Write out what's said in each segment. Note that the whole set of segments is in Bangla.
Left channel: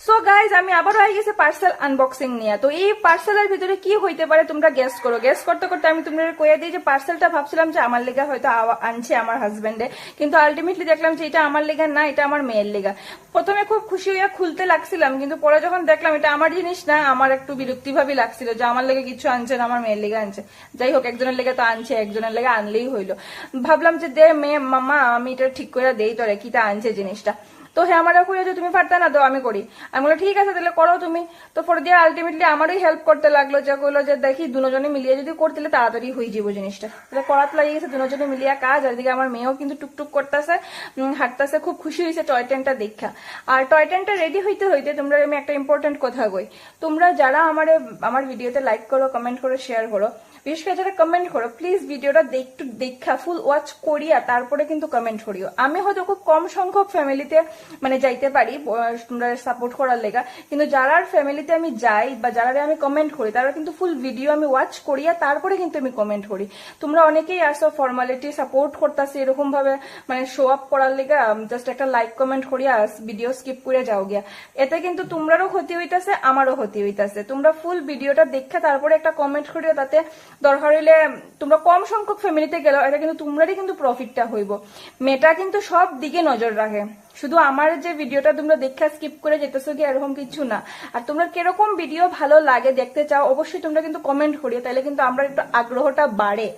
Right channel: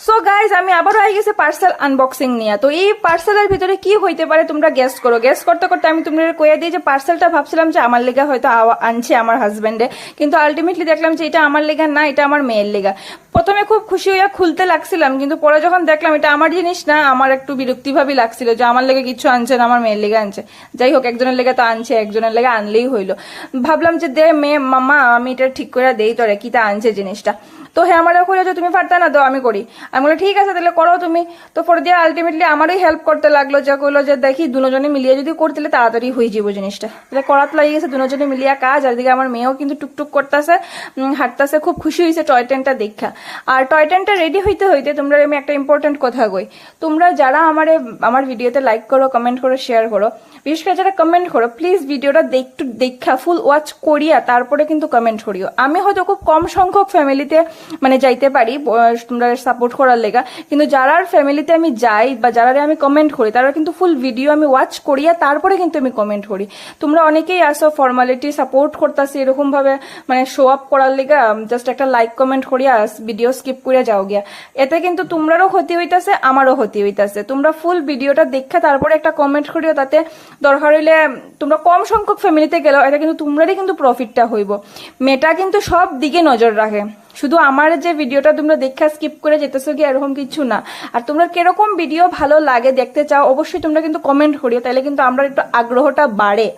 সো গাইজ আমি আবারও আই গেছে পার্সেল আনবক্সিং নিয়ে। তো এই পার্সেলের ভিতরে কি হইতে পারে তোমরা গেস করো। গেস করতে করতে আমি তোমাদের কয়ে দিই যে পার্সেলটা ভাবছিলাম যে আমার লেগা হয়তো আনছে আমার হাজবেন্ডে, কিন্তু আলটিমেটলি দেখলাম যে এটা আমার লেগা না, এটা আমার মেয়ের লেগা। প্রথমে খুব খুশি হইয়া খুলতে লাগছিলাম, কিন্তু পরে যখন দেখলাম এটা আমার জিনিস না, আমার একটু বিরক্তি ভাবই লাগছিল যে আমার লেগে কিছু আনছে না, আমার মেয়ের লেগে আনছে। যাই হোক, একজনের লেগে তো আনছে, একজনের লেগে আনলেই হইলো। ভাবলাম যে দে মেয়ে মামা আমি এটা ঠিক করে দেই তোরে, কি তা আনছে জিনিসটা। তো হ্যাঁ আমার কইলো যে তুমি পারতা না, তো আমি করি। আমি বলি ঠিক আছে তাহলে করো তুমি। তো পরে দিয়ে আলটিমেটলি আমারই হেল্প করতে লাগলো, যে কইলো যে দেখি দুজনে মিলিয়ে যদি করতে তাড়াতাড়ি হয়ে যাবো জিনিসটা। তাহলে করাত লাগিয়ে গেছে দুজনে মিলিয়ে কাজ। আর দিকে আমার মেয়েও কিন্তু টুকটুক করতেছে, হাঁটতেছে, খুব খুশি হয়েছে টয় ট্রেনটা দেখা। আর টয় ট্রেনটা রেডি হইতে হইতে তোমরা আমি একটা ইম্পর্টেন্ট কথা কই। তোমরা যারা আমার ভিডিওতে লাইক করো, কমেন্ট করো, শেয়ার করো, বিশেষ করে যারা কমেন্ট করো, প্লিজ ভিডিওটা একটু দেখা ফুল ওয়াচ করিয়া তারপরে কিন্তু কমেন্ট করিও। আমি হয়তো খুব কম সংখ্যক ফ্যামিলিতে মানে যাইতে পারি তোমরা সাপোর্ট করার লেগা, কিন্তু যারার ফ্যামিলিতে আমি যাই বা যারা আমি কমেন্ট করি তারা কিন্তু ফুল ভিডিও আমি ওয়াচ করিয়া তারপরে কিন্তু আমি কমেন্ট করি। তোমরা অনেকেই আসো ফর্মালিটি সাপোর্ট করতেছি এরকম ভাবে, মানে শো আপ করার লেগা জাস্ট একটা লাইক কমেন্ট করিয়া ভিডিও স্কিপ করে যাও গিয়া। এতে কিন্তু তোমরারও ক্ষতি হইতাছে, আমারও ক্ষতি হইতাছে। তোমরা ফুল ভিডিওটা দেখা তারপরে একটা কমেন্ট করিও, তাতে দরকার হইলে তোমরা কম সংখ্যক ফ্যামিলিতে গেলেও এটা কিন্তু তোমরারই কিন্তু প্রফিটটা হইব। মেয়েটা কিন্তু সব দিকে নজর রাখে, শুধু আমার যে ভিডিওটা তোমরা দেখা স্কিপ করে যেতেছো কি এরকম কিছু না। আর তোমরা কিরকম ভিডিও ভালো লাগে দেখতে চাও অবশ্যই তোমরা কিন্তু কমেন্ট করিও, তাহলে কিন্তু আমরা একটু আগ্রহটা বাড়ে।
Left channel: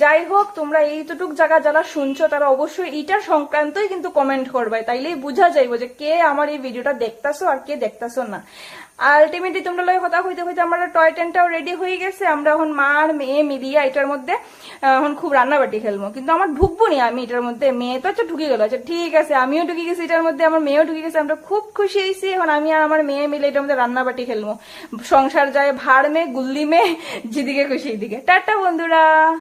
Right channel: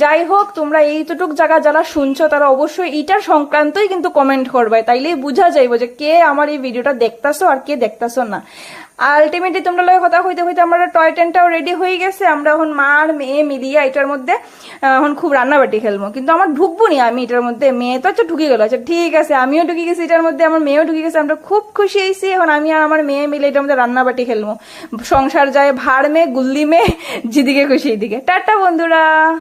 যাই হোক, তোমরা এইটুক জায়গা যারা শুনছো তারা অবশ্যই এইটার সংক্রান্তই কিন্তু কমেন্ট করবে, তাইলেই বোঝা যাইব যে কে আমার এই ভিডিওটা দেখতাছো আর কে দেখতাছো না। আলটিমেটলি তোমরা লয় কথা হইতে হইতে আমরা টয় ট্রেনটাও রেডি হয়ে গেছে। আমরা এখন মা আর মেয়ে মিলিয়ে এটার মধ্যে এখন খুব রান্নাবাটি খেলবো, কিন্তু আমার ঢুকবো নি আমি এটার মধ্যে। মেয়ে তো হচ্ছে ঢুকে গেল, আচ্ছা ঠিক আছে, আমিও ঢুকে গেছি এটার মধ্যে, আমার মেয়েও ঢুকে গেছে। আমরা খুব খুশি হয়েছি। এখন আমি আর আমার মেয়ে মিলে এটার মধ্যে রান্নাবাটি খেলবো। সংসার যায় ভাড় মে গুল্লি মে, যেদিকে খুশি এদিকে। টাটা বন্ধুরা।